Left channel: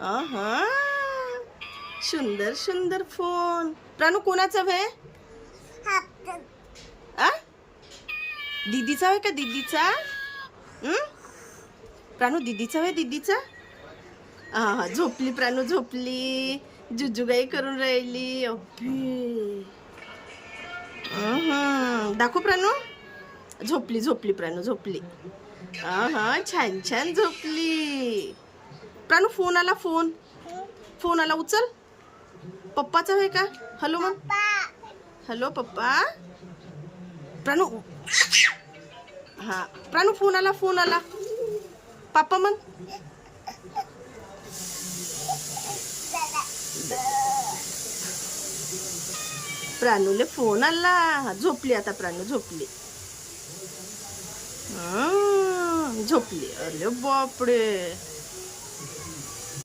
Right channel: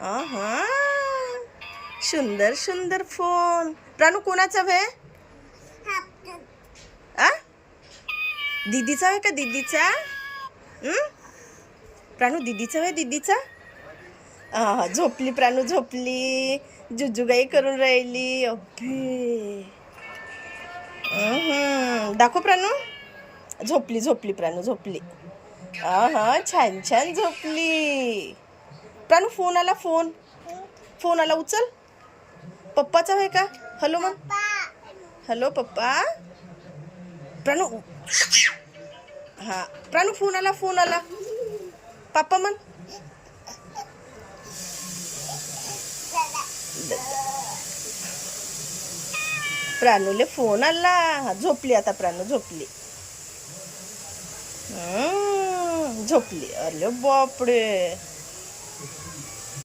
हा, सुंदर सुंदर फोन. प्राणू कोणाचा आहे? आ दीदीचा आहे का? दीदीचा? प्राणू दीदीचा आहे? दीदीचा? हा, झोपली प्राणू, झोपली. जुजुगाई करून राहिली. अभे दाखव प्राणू. झोपली झोपली प्राणू, झोपली. हा, छान छान झोपली. प्राणू फोन आला, फोन. फोन आला, उचल. पप्पाचा आहे का? हॅलो मग. हॅलो पप्पा. प्राणू. हा प्राणू, फोन आला, फोन आला. पापा म्हण. प्राणूले फोन आला. झोपली आता प्राणू, झोपली. झोपली. अरे बापडे.